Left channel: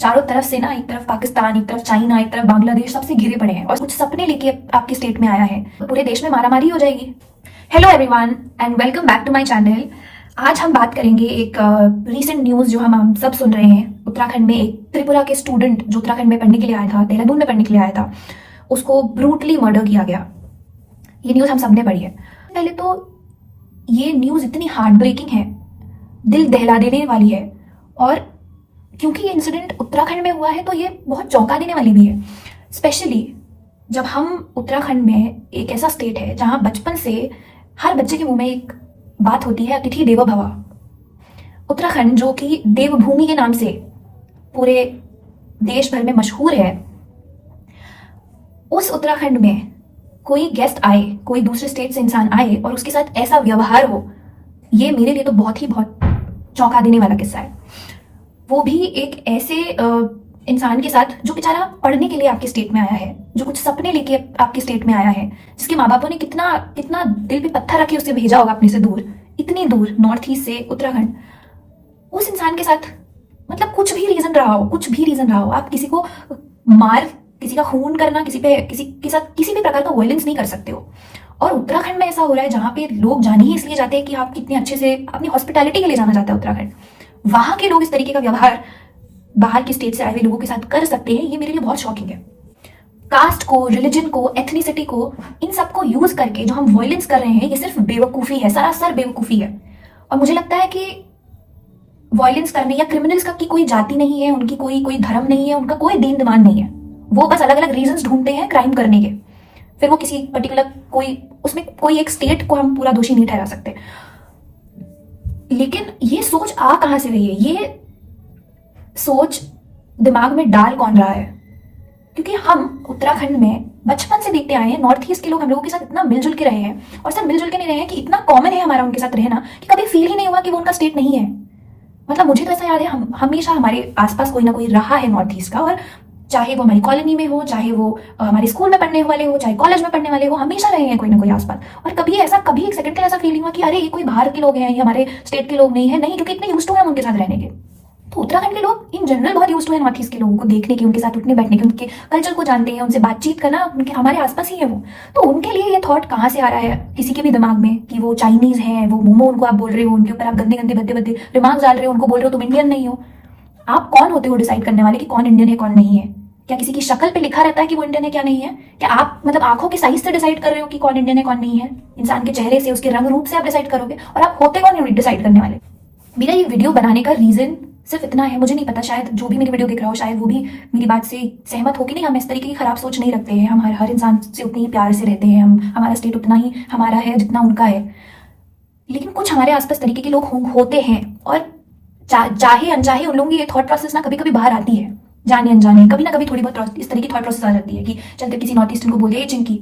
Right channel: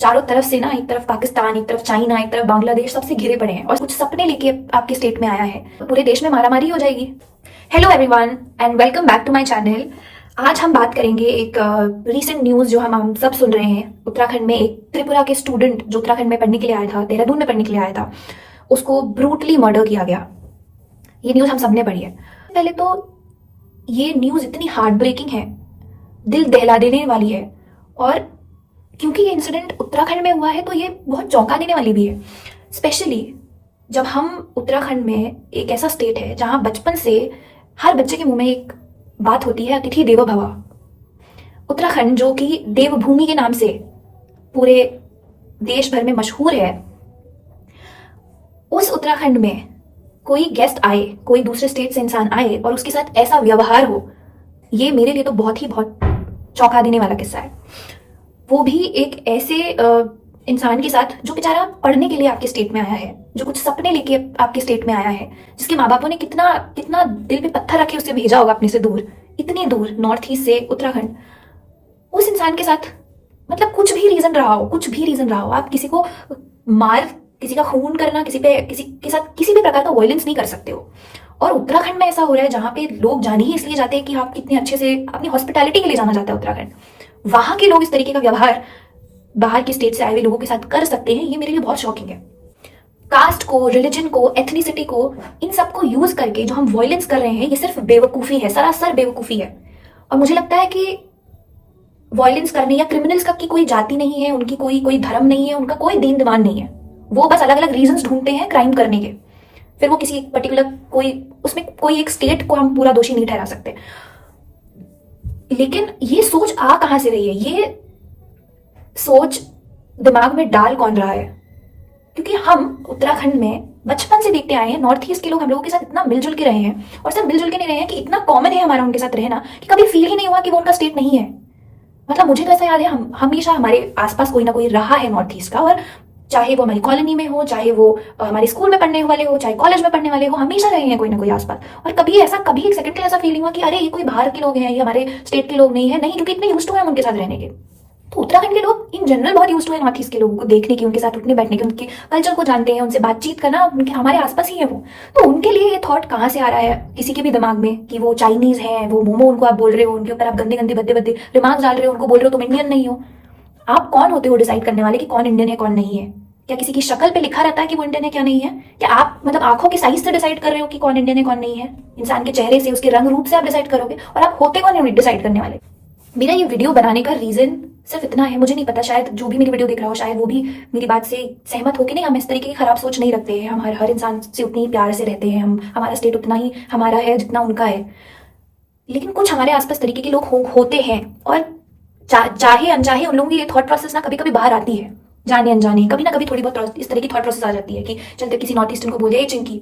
चारों तरफ से ना, एक तरफ पाकिस्तान, एक तरफ चाइना, एक तरफ बांग्लादेश, सबसे घिरे पड़े हैं और कुछ सपने लेके आपके स्टेट में आया है। पूरे देश में मारामारी हो जाएगी। Hello everyone and welcome back to my channel. आज हम बात करेंगे एक रीसेंट न्यूज जो हम सब सुन रहे हैं। उत्तराखंड में एक त्रिपुरा के स्टूडेंट जो उत्तराखंड में पढ़ने के लिए आया था, देहरादून में पढ़ने के लिए आया था, उसको ब्रूटली मर्डर किया गया। ये न्यूज हम सबने पढ़ी है। पहले तो ये न्यूज इतनी हार्ट ब्रेकिंग है, दिल दहला देने वाली है, और क्योंकि ये इंसिडेंट उत्तराखंड में हुआ है तो ये बहुत चौंका देने वाली भी है। स्पेशली जब हम उत्तराखंड में, एक ऐसा स्टेट है जहां बचपन से हर बच्चे के मुंह में एक बात होती है, अतिथि देवो भव। उत्तराखंड जो कि देवभूमि के नाम से पूरे देश भर में मशहूर है, उस उत्तराखंड में कोई गेस्ट आए, कोई दूसरे स्टेट से इंसान आए और उसके साथ ऐसा व्यवहार हो, ये मेरे लिए तो बहुत चौंका देने वाला किस्सा है। वो भी एक ऐसे इंसान के साथ जो बेचारा पढ़ने के लिए आपके स्टेट में आया है, जो कुछ सपने लेके आपके स्टेट में आया है, जिसके माँ बापों ने कितना दिल पे पत्थर रखे उसे भेजा होगा अपने से दूर, इतनी दूर नॉर्थ ईस्ट से उत्तराखंड। उस इंसान के साथ मतलब कुछ भी रीजन रहा हो, आप किसी को मार, किसी का खून करना, किसी के साथ किसी भी प्रकार का वायलेंस नहीं कर सकते हो। और उत्तराखंड में ऐसा हो रहा है जहाँ पे लोग जाने ही इसलिए जाते हैं कि आप कितने अच्छे से, अपनी हॉस्पिटैलिटी के लिए जाना जाता है उत्तराखंड। वहां के लोग इस तरीके का व्यवहार बाहर के स्टेट से आए हुए लोगों के साथ कर सकते हैं, ये मेरे लिए बहुत शॉकिंग है। कास्ट को, रिलीजन को, एथनिसिटी को, इन सबको यूज करके जो हम वायलेंस कर रहे हैं, ये सिर्फ बेवकूफी है, सरासर बेवकूफी है। और मुझे लगता है कि वायलेंस करने या क्रिमिनल्स का की कोई जाति नहीं है, उनकी कोई धर्म नहीं है, उनका कोई दीन दिमाग नहीं है। वो बस अलग अलग रीजंस ढूंढते हैं क्राइम करने के। फिर वो किसी पर्टिकुलर उसमें कोई एक स्टेट को हम पूरा दोषी नहीं ठहरा सकते। लेकिन ये सोच आ कहां से रही है, ये सोच दिमाग में डाल कौन रहा है? क्योंकि हम उत्तराखंड में बचपन से देखते आए हैं, नॉर्थ ईस्ट के लोग हम लोगों के साथ इतना मिलजुल के रहे हैं, और सिर्फ मिलजुल के नहीं रहे हैं कि इतना कॉमन है हमारा उनके साथ रहना कि कभी फील ही नहीं हुआ कि वो उनका स्टेट नहीं है। मतलब मुझे तो ऐसा याद है, हम हमेशा हमारे आसपास कोई ना कोई रहा है नॉर्थ ईस्ट का, और चाहे वो हमारी कॉलोनी में हो, चाहे वो हमारे स्कूल में पढ़ने वाले हो, चाहे कॉलेज में पढ़ने वाले हो, हमेशा रहे हैं कोई ना कोई आसपास। और कभी एक सेकंड के लिए ऐसा फीलिंग हुआ कि अरे ये कोई बाहर के लोग हैं, ये हमारे स्टेट के लोग नहीं है, नहीं, क्योंकि इतने यूज्ड टू हैं उनके साथ रहने के। तो उत्तराखंड के लोग इन जनरल बहुत यूज्ड टू है नॉर्थ ईस्ट के लोगों को देखने की, उनके साथ उठने बैठने की, उनके कल्चर को जानते हैं, उनसे बातचीत करना उनके हमारे आसपास ही है वो। तो उनके लिए ये थॉट कहाँ से आ रहा है किसी के भी दिमाग में कि वो चाइनीज हैं, वो मोमो उनको आप बोल रहे हो, उनके ऊपर आप गंदे गंदे भद्दे भद्दे रिमार्क्स डाल रहे हो, उनको बोल रहे हो तुम इंडियन नहीं हो। आप कौन होते हो डिसाइड करने वाले कि कौन इंडियन है कौन नहीं है? क्या किसी की शक्ल पे लिखा रहता है कि वो इंडियन है क्या नहीं है? क्या आप मतलब आंखों के साइज से डिसाइड कर रहे हो कि कौन इंडियन है कौन नहीं है? इंसान के चेहरे से, उसके रंग रूप से आप डिसाइड करोगे, और आप होते कौन है डिसाइड करने वाले? मेरा ये वीडियो बनाने का रीजन सिर्फ इतना है, मुझे नहीं पता, शायद जो भी मेरी वीडियो देख रहा हो शायद वो भी मेरी बात से सहमत हो कि नहीं, हम इस तरीके की खराब सोच नहीं रखते हैं, हम हर इंसान से उतनी ही प्यार से रहते हैं, हमारा स्टेट उतना ही हमारा है जितना उनका है। लेकिन कुछ हमारे आसपास तरीके के लोग होते हैं, और चाहे अनचाहे उन लोगों की ये थॉट प्रोसेस ना कभी कभी बाहर आती है, जाने अनजाने कभी ना कभी थोड़ी बहुत इस तरह की थॉट प्रोसेस आ जाती है कि चलते किसी नॉर्थ ईस्टर्न को बोल दिया चिंकी,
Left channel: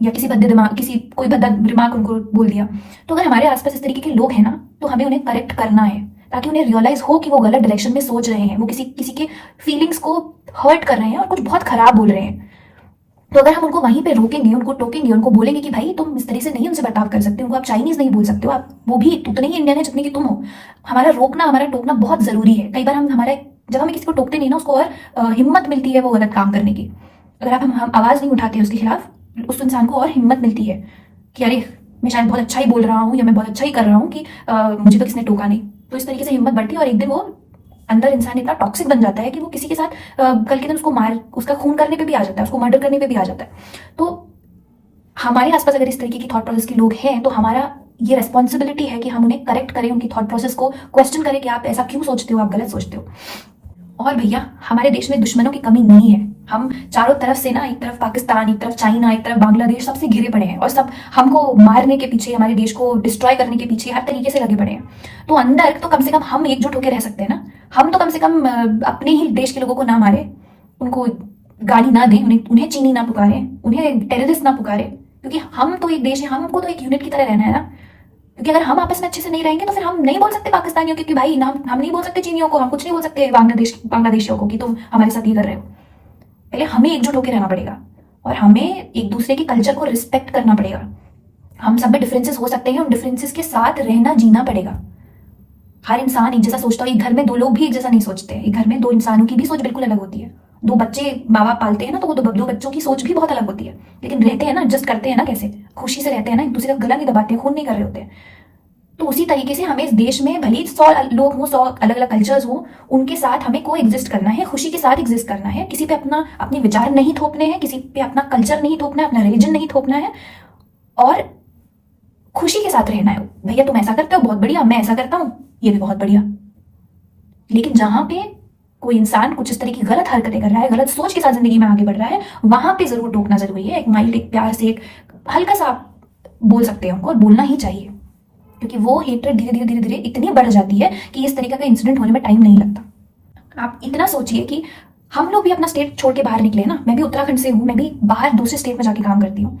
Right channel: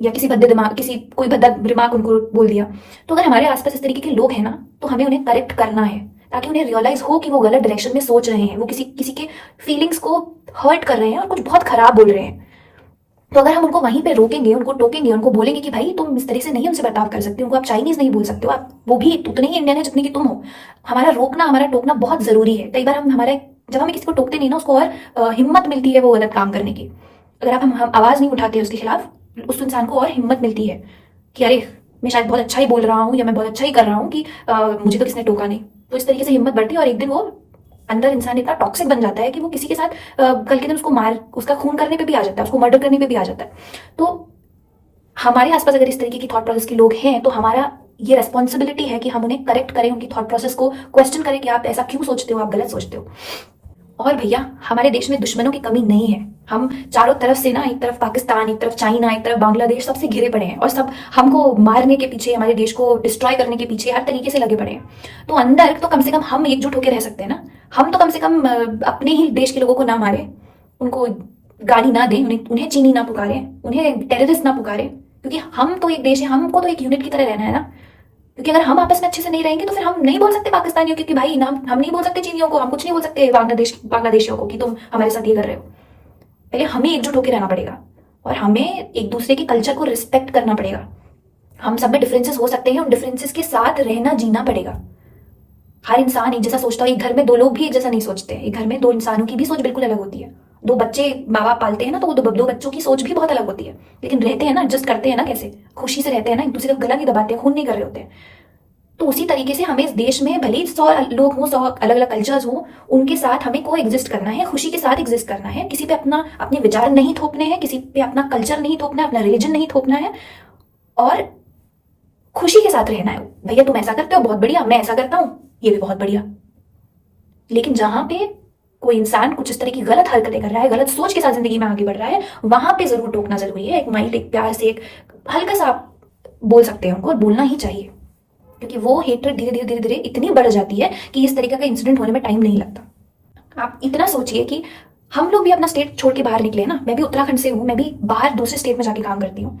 या कोई भद्दा दिमाग उनको बोल दिया। तो अगर हमारे आसपास इस तरीके के लोग हैं ना, तो हमें उन्हें करेक्ट करना है, ताकि उन्हें रियलाइज हो कि वो गलत डायरेक्शन में सोच रहे हैं, वो किसी के फीलिंग्स को हर्ट कर रहे हैं और कुछ बहुत खराब बोल रहे हैं। तो अगर हम उनको वहीं पे रोकेंगे, उनको टोकेंगे, उनको बोलेंगे कि भाई तुम इस तरह से नहीं उनसे बर्ताव कर सकते, उनको आप चाइनीज नहीं बोल सकते हो, आप वो भी उतने ही इंडियन है जितने की तुम हो। हमारा रोकना, हमारा टोकना बहुत जरूरी है। कई बार जब हमें किसी को टोकते नहीं ना, उसको और हिम्मत मिलती है वो गलत काम करने की। अगर हम आवाज नहीं उठाते उसके खिलाफ, उस इंसान को और हिम्मत मिलती है कि अरे मैं शायद बहुत अच्छा ही बोल रहा हूँ, या मैं बहुत अच्छा ही कर रहा हूँ कि मुझे तो किसने टोका नहीं। तो इस तरीके से हिम्मत बढ़ती है, और एक दिन वो अंदर इंसान इतना टॉक्सिक बन जाता है कि वो किसी के साथ कल के दिन उसका खून करने पे भी आ जाता है, उसको मर्डर करने पे भी आ जाता है। तो हमारे आसपास अगर इस तरीके की थॉट प्रोसेस के लोग हैं, तो हमारा ये रेस्पॉन्सिबिलिटी है कि हम उन्हें करेक्ट करें, उनकी थॉट प्रोसेस को क्वेश्चन करें कि आप ऐसा क्यों सोचते हो, आप गलत सोचते हो। और भैया, हमारे देश में दुश्मनों की कमी नहीं है। हम चारों तरफ से ना, एक तरफ पाकिस्तान, एक तरफ चाइना, एक तरफ बांग्लादेश, सबसे घिरे पड़े हैं, और सब हमको मारने के पीछे, हमारे देश को डिस्ट्रॉय करने के पीछे हर तरीके से लगे पड़े हैं। तो अंदर तो कम से कम हम एकजुट होकर रह सकते हैं ना। हम तो कम से कम अपने ही देश के लोगों को ना मारे, उनको गाली ना दें, उन्हें चीनी ना पुकारे, उन्हें टेररिस्ट ना पुकारे, क्योंकि हम तो एक देश है, हमको तो एक यूनिट की तरह रहना है ना। क्योंकि अगर हम आपस में अच्छे से नहीं रहेंगे तो फिर हम नहीं बोल सकते पाकिस्तानियों को कि भाई नाम, हम नहीं बोल सकते चीनियों को, हम कुछ नहीं बोल सकते बांग्लादेशियों को कि तुम हमारे साथ ये कर रहे हो। पहले हमें एकजुट होकर रहना पड़ेगा, और हमें एक दूसरे के कल्चर को रिस्पेक्ट करना पड़ेगा। हम सब में डिफरेंसेस हो सकते हैं, उन डिफरेंसेस के साथ रहना, जीना पड़ेगा। हर इंसान एक जैसा सोचता है। एक घर में दो लोग भी एक जैसा नहीं सोचते। एक घर में दो इंसानों की भी सोच बिल्कुल अलग होती है। दो बच्चे माँ बाप पालते हैं ना, तो वो दो बच्चों की सोच भी बहुत अलग होती है, लेकिन रहते हैं ना, एडजस्ट करते हैं ना, कैसे खुशी से रहते हैं ना, एक दूसरे का गला नहीं दबाते, खून नहीं कर रहे होते। तो उसी तरीके से हमें इस देश में भले ही 100 लोग हों, 100 अलग अलग कल्चर्स हो, उनके साथ हमें को एग्जिस्ट करना है, खुशी के साथ एग्जिस्ट करना है। किसी पे अपने विचार नहीं थोपने हैं, किसी पे अपना कल्चर नहीं थोपना है, अपना रिलीजन नहीं थोपना है, और खुशी के साथ रहना है। भैया तुम ऐसा करते हो, बहुत बढ़िया, मैं ऐसा करता हूँ, ये भी बहुत बढ़िया। लेकिन जहां पे कोई इंसान कुछ इस तरह की गलत हरकतें कर रहा है, गलत सोच के साथ जिंदगी में आगे बढ़ रहा है, वहां पे जरूर टोकना जरूरी है। एक माइल्ड, एक प्यार से, एक हल्का सा आप बोल सकते हैं उनको, और बोलना ही चाहिए, क्योंकि वो हेट्रेड धीरे धीरे धीरे धीरे इतनी बढ़ जाती है कि इस तरीके का इंसिडेंट होने में टाइम नहीं लगता। आप इतना सोचिए कि हम लोग भी अपना स्टेट छोड़ के बाहर निकले ना। मैं भी उत्तराखंड से हूँ, मैं भी बाहर दूसरे स्टेट में जाके काम करती हूँ।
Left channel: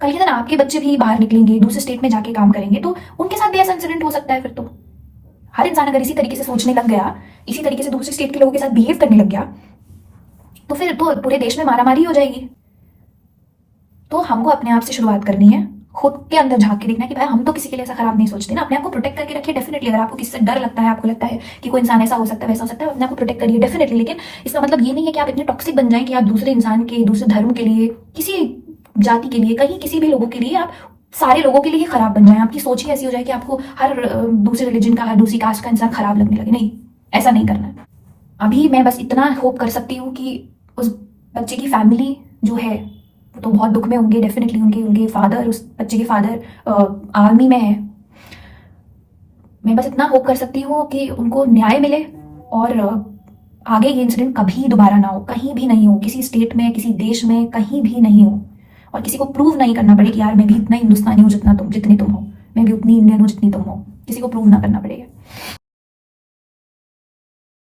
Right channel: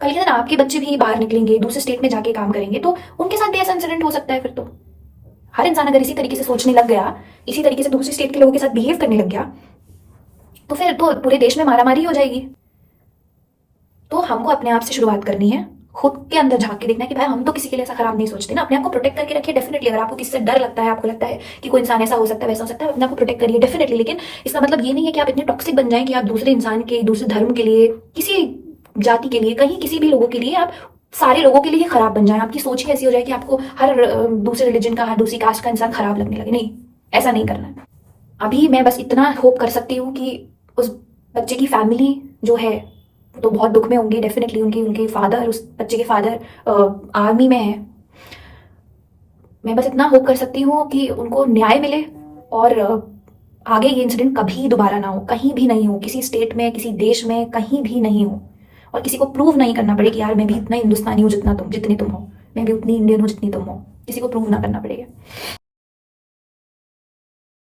कल के दिन आपके बच्चे भी बाहर निकलेंगे, दूसरे स्टेट में जाके काम करेंगे, तो उनके साथ भी ऐसा इंसिडेंट हो सकता है। फिर तो हर इंसान अगर इसी तरीके से सोचने लग गया, इसी तरीके से दूसरे स्टेट के लोगों के साथ बिहेव करने लग गया, तो फिर तो पूरे देश में मारामारी हो जाएगी। तो हमको अपने आप से शुरुआत करनी है, खुद के अंदर झांक के देखना कि भाई हम तो किसी के लिए ऐसा खराब नहीं सोचते ना। अपने आप को प्रोटेक्ट करके रखिए डेफिनेटली। अगर आपको किसी से डर लगता है, आपको लगता है कि कोई इंसान ऐसा हो सकता है, वैसा हो सकता है, अपने आप को प्रोटेक्ट करिए डेफिनेटली। लेकिन इसका मतलब ये नहीं है कि आप इतने टॉक्सिक बन जाएं कि आप दूसरे इंसान के, दूसरे धर्म के लिए, किसी जाति के लिए, कहीं किसी भी लोगों के लिए, आप सारे लोगों के लिए ही खराब बन जाए। आपकी सोच ही ऐसी हो जाए कि आपको हर दूसरे रिलीजन का, हर दूसरी कास्ट का इंसान खराब लगने लगे। नहीं, ऐसा नहीं करना है। अभी मैं बस इतना होप कर सकती हूँ कि उस बच्चे की फैमिली जो है वो तो बहुत दुख में होंगे डेफिनेटली। उनके उनके फादर, उस बच्चे के फादर आर्मी में है। मैं बस इतना होप कर सकती हूँ कि उनको न्याय मिले, और आगे ये इंसिडेंट कभी दोबारा ना हो, कहीं भी नहीं हो, किसी स्टेट में, किसी देश में, कहीं भी नहीं हो। और किसी को प्रूव नहीं करना पड़े कि यार मैं भी इतना हिंदुस्तानी हूँ जितने तुम हो, मैं भी उतनी इंडियन हूँ जितनी तुम हो। किसी को प्रूव ना करना पड़ेगा।